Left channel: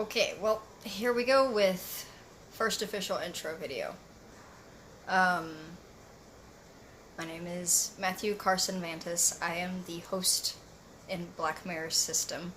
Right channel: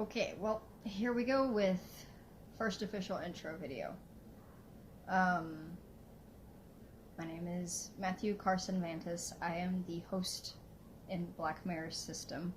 Okay, well, here we go with first official intro video. Um, my name is Matthew Karsen Mantis. I am the host in Black Mirror's system.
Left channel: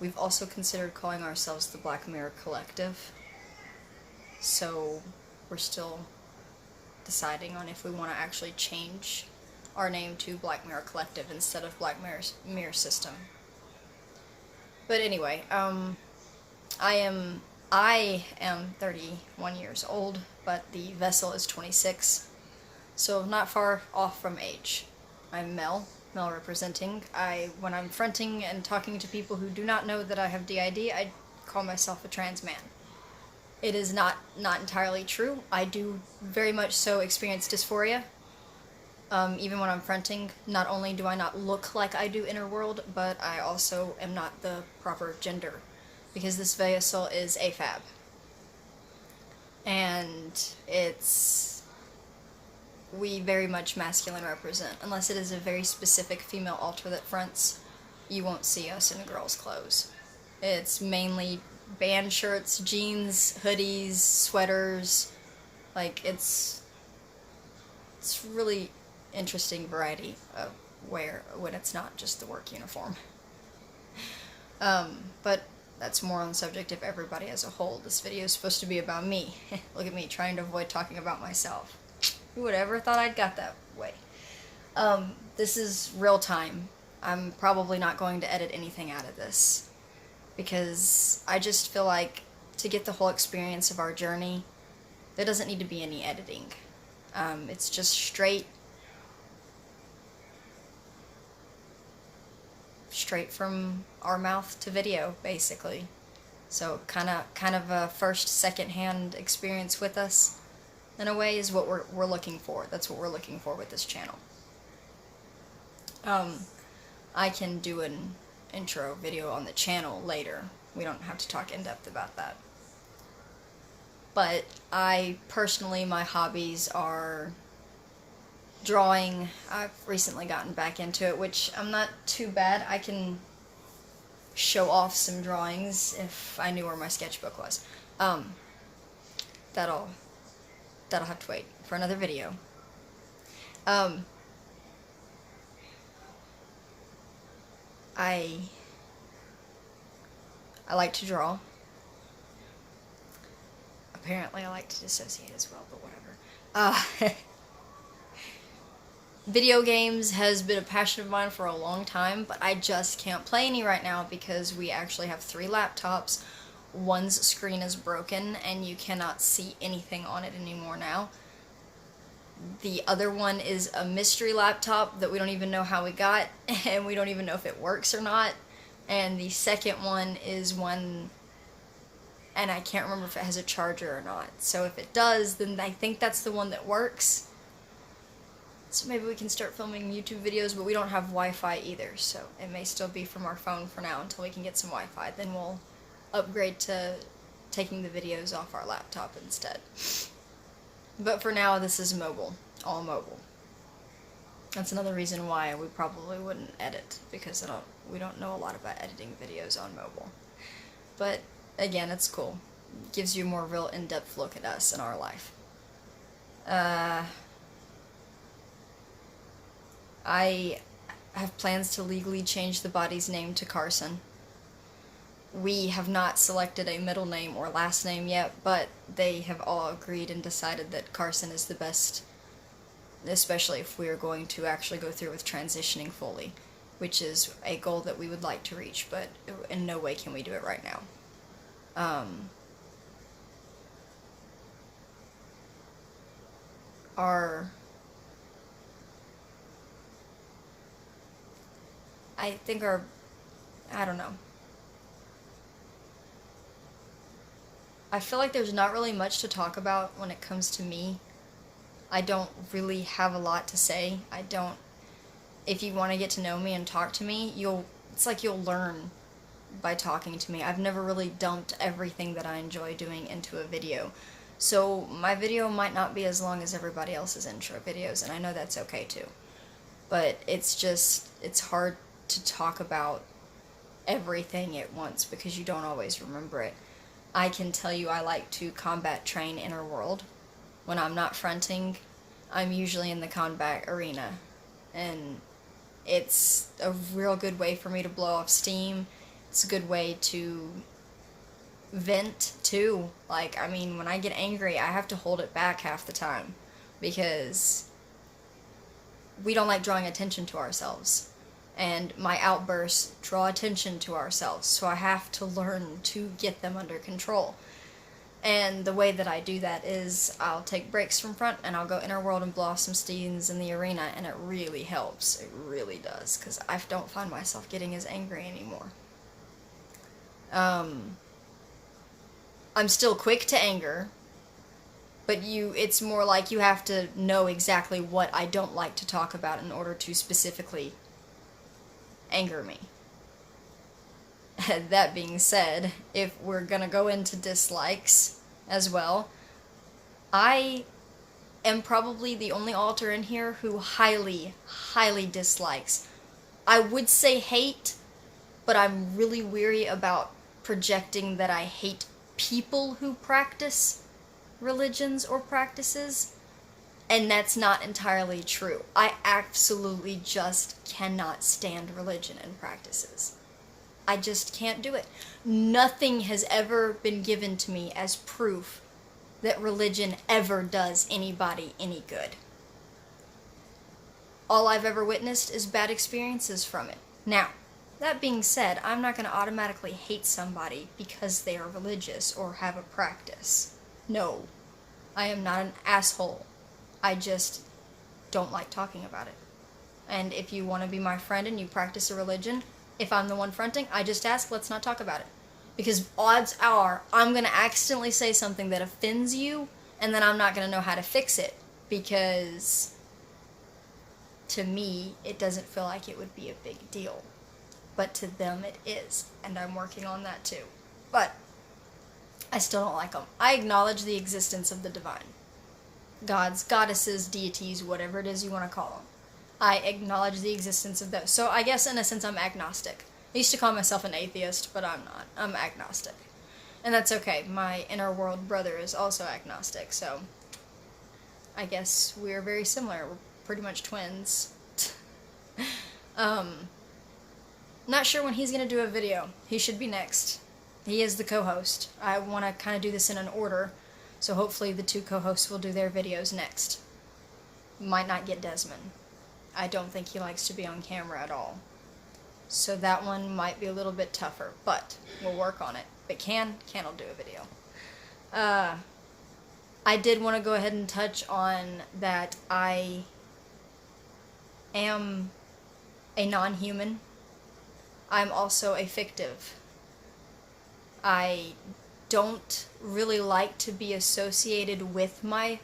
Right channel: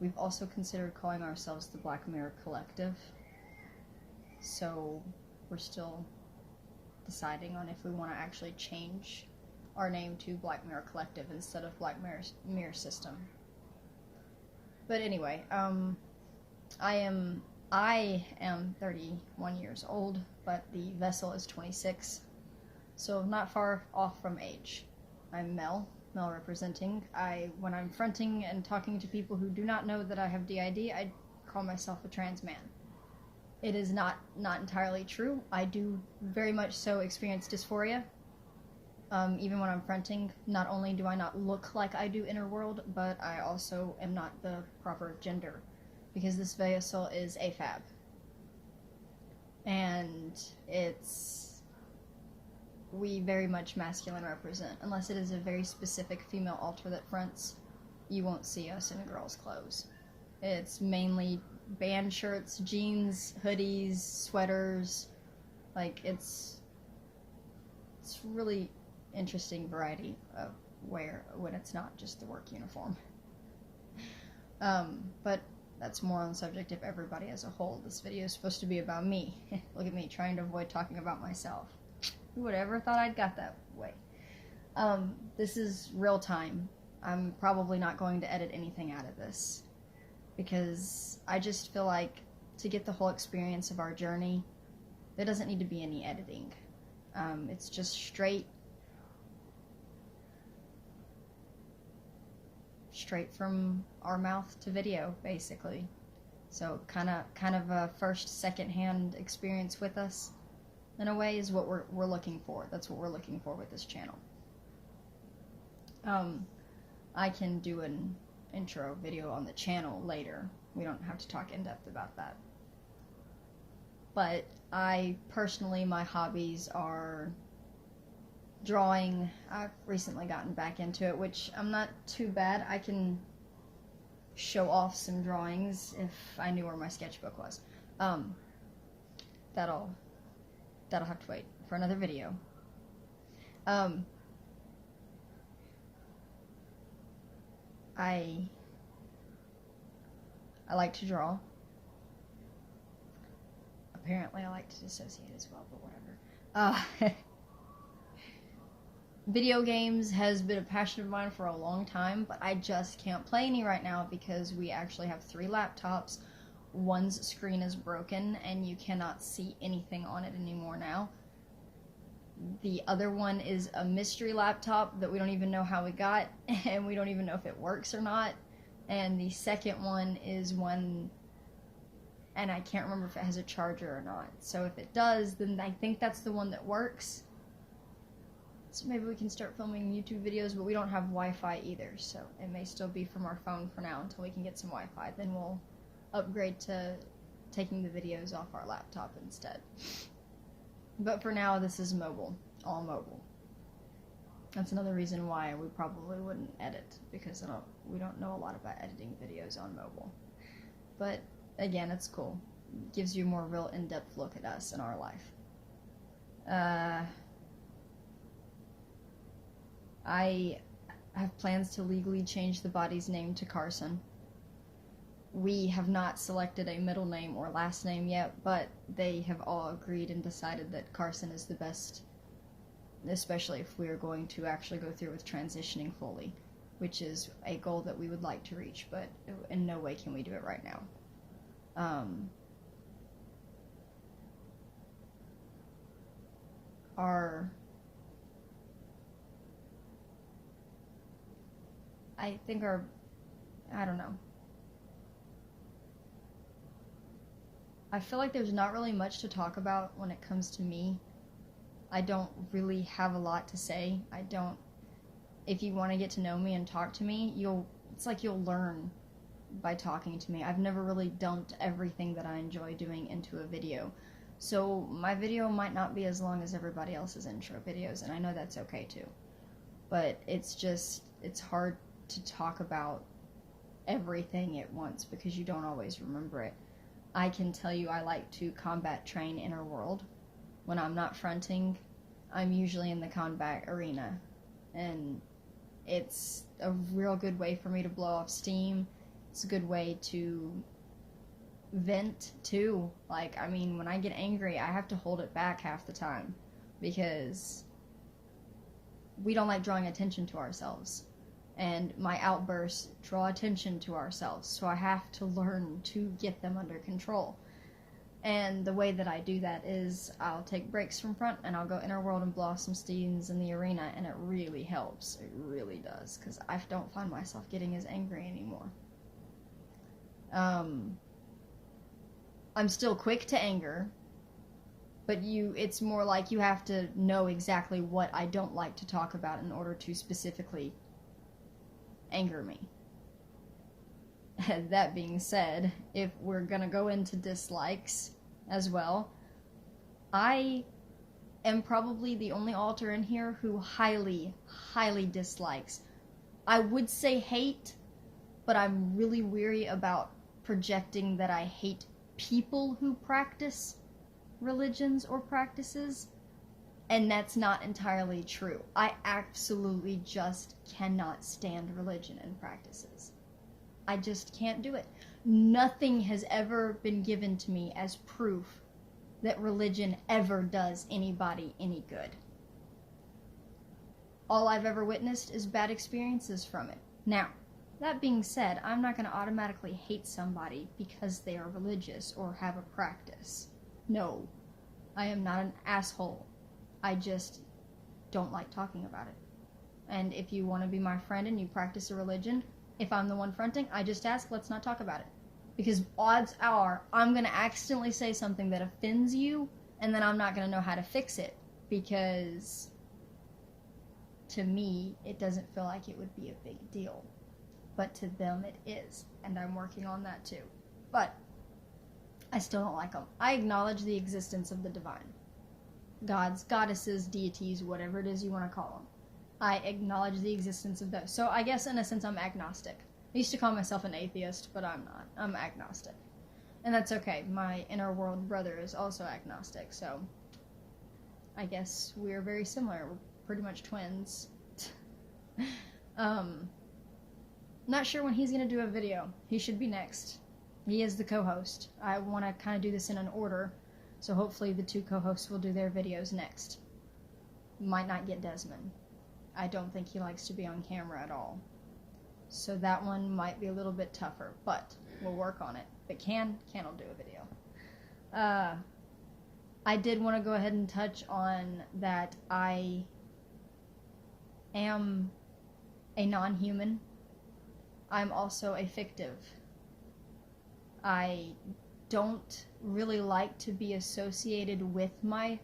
We've also considered calling ourselves the Black Mirror Collective, so we're still deciding on if we want to actually change our name to Black Mirror Collective instead of Black Mirror System. But anyway, I am 31 years old, but the vessel is 26, so not far off from age. I'm male representing. When I'm fronting and talking to people who do not know that I have DID, I call myself a trans man. It is not entirely true. I do very much so experience dysphoria. Even when I'm fronting, not only do I not look like I do inner world, but I also am not the proper gender, because this vessel is AFAB. And we very much masculine represent. Unless it is a very specific female altar that fronts, you won't see us in girls' clothes. It's mainly band shirts, jeans, hoodies, sweaters. Like, it's really interesting variety of wear when it's not just the work uniform. But that's more on the subject of everybody as a whole. This video is supposed to be about me. Look at me trying to avoid talking about myself. Who would ever thought I'd got that way? This is real time. I'm probably not going to edit anything out of this, because I just feel like to get the whole experience of our journey, there doesn't need to be any editing. It's just straight from our mouth to video, basically. So kind of a first, second-hand experience with us, in a way, is what we're looking for. That's what we're looking for with this channel. I can do an intro video on the channel later. We don't have to talk in depth about that. But personally, my hobbies are drawing. I've recently gotten back into it, which I'm not too bad. I can show off some drawings if I knew where my sketchbook was. That'll have to wait for another video. I like to draw. Apparently I like to dissociate as well, but whatever. Video games has been a passion of mine for a long time, but I just can't play any right now because we actually have 3 laptops. One's screen is broken and you cannot see anything on it anymore now. The other one is a mystery laptop that we don't even know how we got, and we don't even know if it works or not. And the second one is one, and I can't remember if it has a charger or not. So if it does, then I think that's the one that works. So maybe we can start filming YouTube videos, but we don't have Wi-Fi either, so it may still be from our phone for now until we can get some Wi-Fi. Then we'll upgrade to taking the videos off our laptop instead. But for now, this is mobile, all mobile. That's another reason why we probably wouldn't edit, because we don't know a lot about editing videos on mobile. But again, it's cool. It gives you a more real in-depth look at us and our life. I have plans to legally change the body's name to Karsen. We have not selected a middle name or last name yet, but they have all agreed and decided that Karsen is the best, especially if we are going to actually go through with transitioning fully, which is a goal that we would like to reach, but in no way can we do it right now. I don't know. I feel like there's not really much to talk about when it comes to me. I don't really have a lot to say. If you want to get to know me and talk to me, it's like you'll learn by talking to me. I've never really dumped everything that I enjoy doing into a video. So my video might not be as long as everybody else's intro videos, and I know that's okay too. But it's hard to talk about everything at once because you don't always remember it. I can tell you I like to combat train inner world. When I'm not fronting, I'm usually in the combat arena. And it's a real good way for me to blow off steam. It's a good way to vent, too. Like, I mean, when I get angry, I have to hold it back half the time. Because we don't like drawing attention to ourselves. And my outbursts draw attention to ourselves. So I have to learn to get them under control. And the way that I do that is I'll take breaks from front and I'll go inner world and blow off some steams in the arena, and it really helps. It really does, because I don't find myself getting as angry anymore. I'm still quick to anger, but it's more like you have to know exactly what I don't like to talk about in order to specifically anger me. That being said, if we're gonna go into dislikes as well, I am probably the only alter in here who highly, highly dislikes. I would say hate, but I'm really weary about projecting that I hate people who practice religions or practices, and that's not entirely true. I absolutely just cannot stand religion and practices. I just can't do it. Nothing has ever been given to me as proof that religion ever does anybody any good. All I've ever witnessed is bad experiences from it. Now, that being said, I'm not going to automatically hate somebody because they are religious or have a practice. No, I am not an asshole. I just don't like talking about it. And if you want to be my friend and you practice a religion, if I'm the one fronting, I just ask, let's not talk about it. Because odds are, I'm going to accidentally say something that offends you, and then I'm not going to know how to fix it. Because, to me, it doesn't feel like it would be a big deal. But to them, it is. And I'm working on that too. But, I still don't like them. I acknowledge the existence of the divine. Gods, goddesses, deities, whatever it is you want to call them. I acknowledge the existence of those. So I guess in a sense I'm agnostic. I used to call myself an atheist, but I'm not. I'm agnostic. And that's okay. My inner world brother is also agnostic, so I guess we're very similar. We're pretty much twins. Not sure when he's going to do a video. He should be next. He is the co-host. I want to kind of do this in an order, so hopefully the two co-hosts will do their videos next. Might not get Desmond. I don't think he likes to be on camera at all. So that one might be a little bit tougher, but we'll work on it. But Can will do a video. I did want to go ahead and touch on that I am a non-human. I'm also a fictive. I don't really like to be associated with my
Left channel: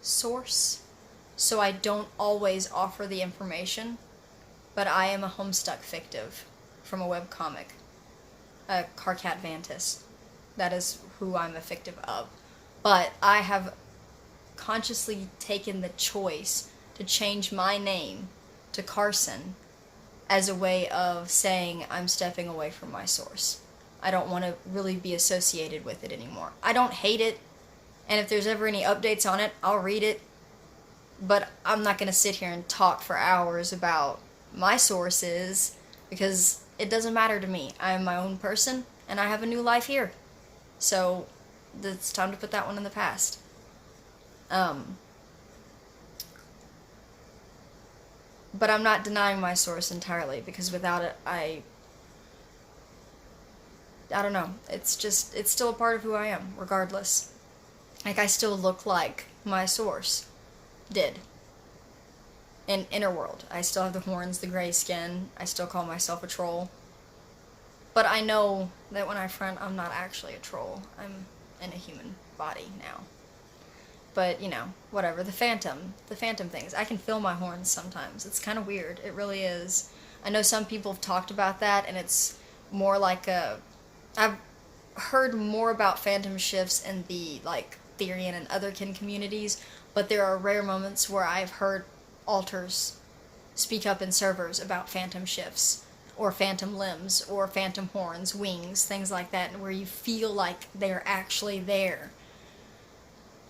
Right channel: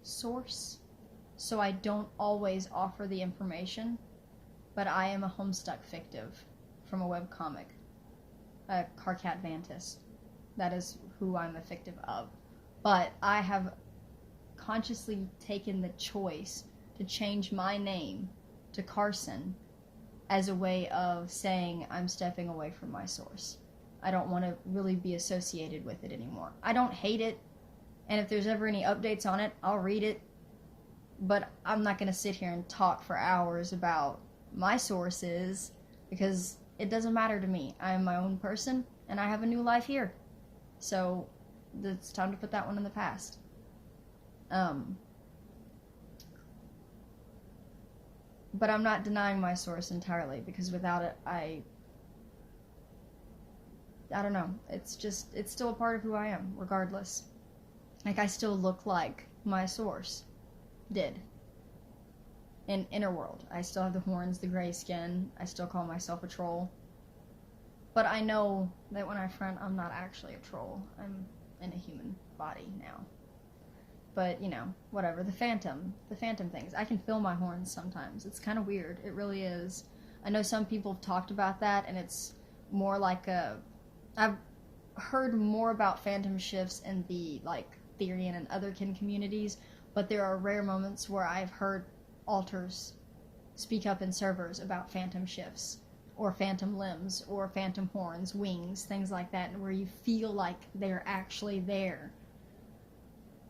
source, so I don't always offer the information, but I am a Homestuck fictive from a webcomic, Carcat Vantis. That is who I'm a fictive of. But I have consciously taken the choice to change my name to Karsen as a way of saying I'm stepping away from my source. I don't want to really be associated with it anymore. I don't hate it, and if there's ever any updates on it, I'll read it. But I'm not going to sit here and talk for hours about my sources, because it doesn't matter to me. I am my own person, and I have a new life here. So, it's time to put that one in the past. But I'm not denying my source entirely, because without it, I don't know. It's still a part of who I am, regardless. Like, I still look like my source did. In Inner World. I still have the horns, the gray skin. I still call myself a troll. But I know that when I front, I'm not actually a troll. I'm in a human body now. But, you know, whatever. The phantom things. I can feel my horns sometimes. It's kind of weird. It really is. I know some people have talked about that, and it's more like I've heard more about phantom shifts in the, like, Therian and Otherkin communities, but there are rare moments where I've heard alters speak up in servers about phantom shifts, or phantom limbs, or phantom horns, wings, things like that, and where you feel like they're actually there.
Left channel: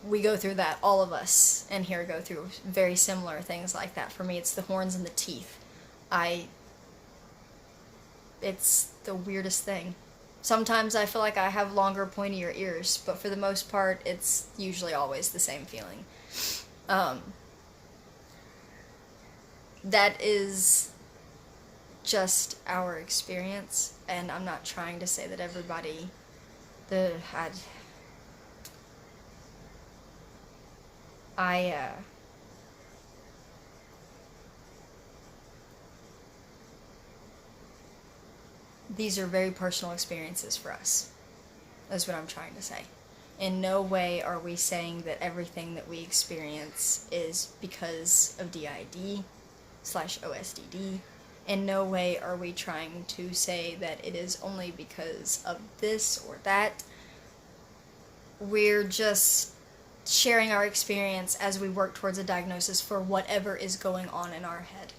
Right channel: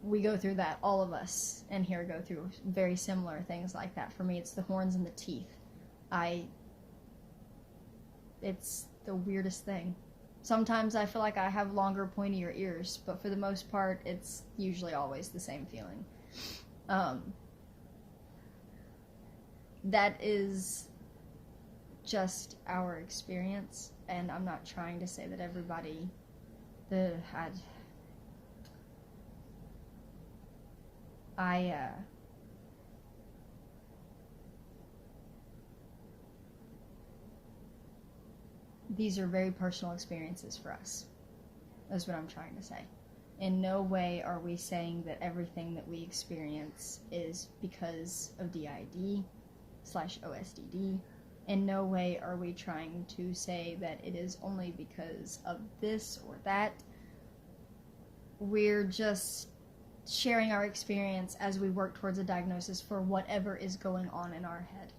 We go through that, all of us in here go through very similar things like that. For me, it's the horns and the teeth. It's the weirdest thing. Sometimes I feel like I have longer, pointier ears, but for the most part, it's usually always the same feeling. That is just our experience, and I'm not trying to say that everybody these are very personal experiences for us. That's what I'm trying to say. In no way are we saying that everything that we experience is because of DID/OSDD. In no way are we trying to say that it is only because of this or that. We're just sharing our experience as we work towards a diagnosis for whatever is going on in our head.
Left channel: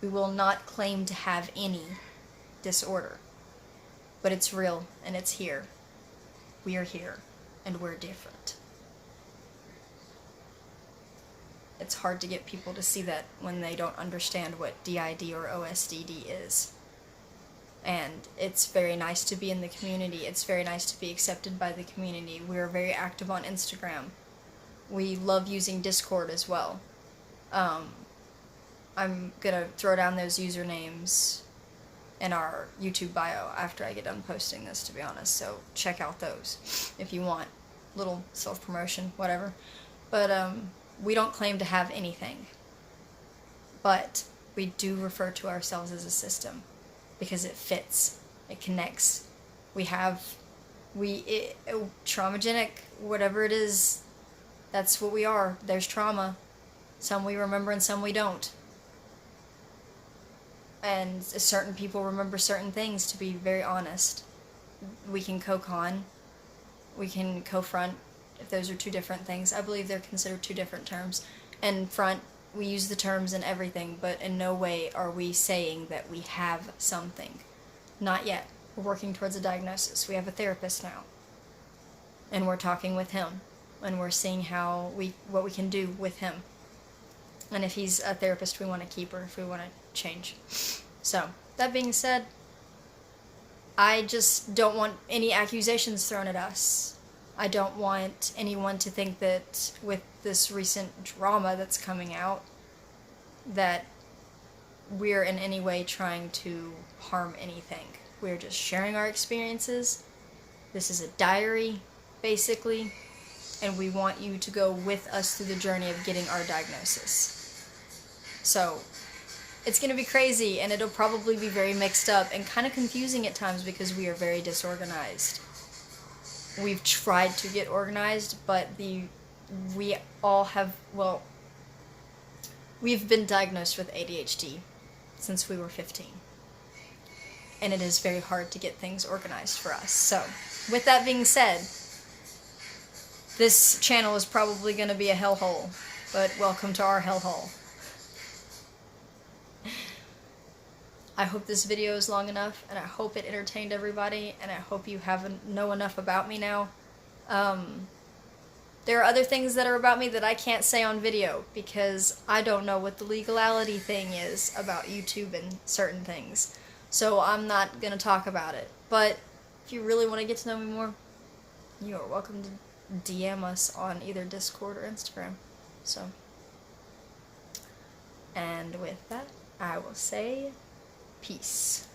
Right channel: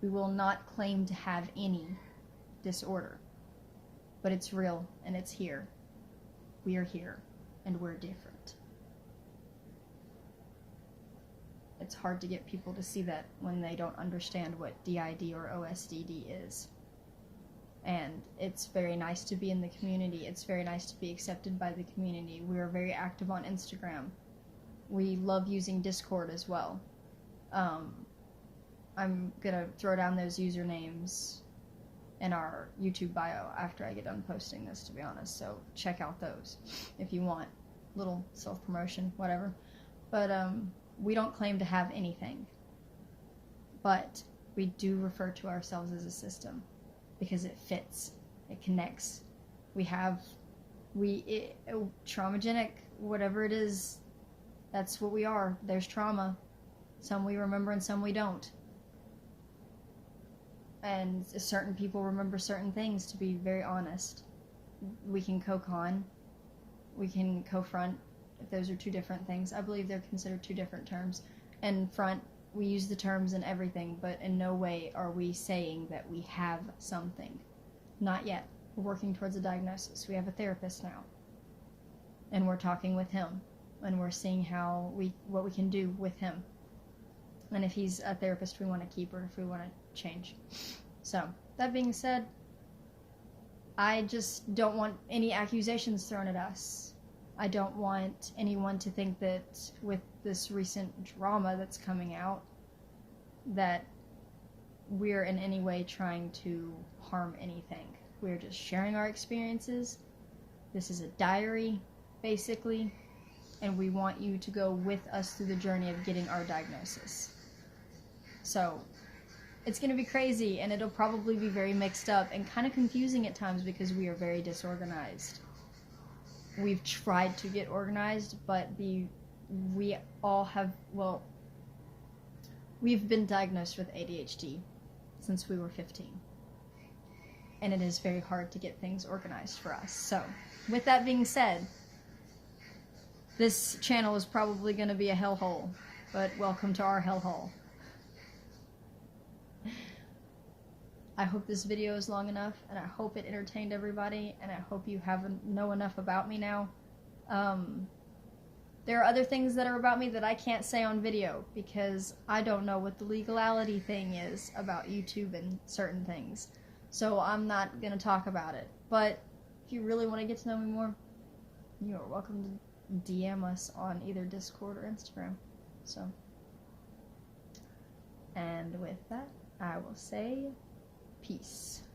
We will not claim to have any disorder, but it's real and it's here. We are here and we're different. It's hard to get people to see that when they don't understand what DID or OSDD is. And it's very nice to be in the community. It's very nice to be accepted by the community. We are very active on Instagram. We love using Discord as well. I'm gonna throw down those usernames in our YouTube bio after I get done posting this, to be honest, so check out those if you want. Little self-promotion, whatever. But we don't claim to have anything, but we do refer to ourselves as a system because it fits, it connects. Traumagenic, whatever it is, that's what we are. There's trauma. Some we remember and some we don't. And certain people remember certain things, to be very honest. We can cocon, we can co-front, if those are two different things. I believe they're considered two different terms. And front, we use the terms in everything, but in no way are we saying that we have something. Not yet. We're working towards a diagnosis. We have a therapist now. And we're talking with him. And we're seeing what we can do with him. And if he's a therapist we want to keep, or if we want to change. So, that being said, I just don't want any accusations thrown at us. I don't want anyone to think that with this recent drama that's coming out, that we're in any way trying to harm anything. We're just sharing our experiences. This is a diary, basically, and we want you to go with us through the journey of getting our diagnosis. So, it's going to be crazy, and it'll probably be very mixed up and kind of confusing at times because we are very disorganized. We've tried to get organized, but we've been diagnosed with ADHD since we were 15. And it is very hard to get things organized for us. So, with that being said, this channel is probably going to be a hellhole, but welcome to our hellhole. I hope this video is long enough, and I hope it entertained everybody, and I hope you know enough about me now. There are other things that are about me that I can't say on video, because I don't know what the legality thing is about YouTube and certain things. So I'm not going to talk about it. But if you really want to get to know me more, you are welcome to DM us on either Discord or Instagram. So, and with that, I will say peace.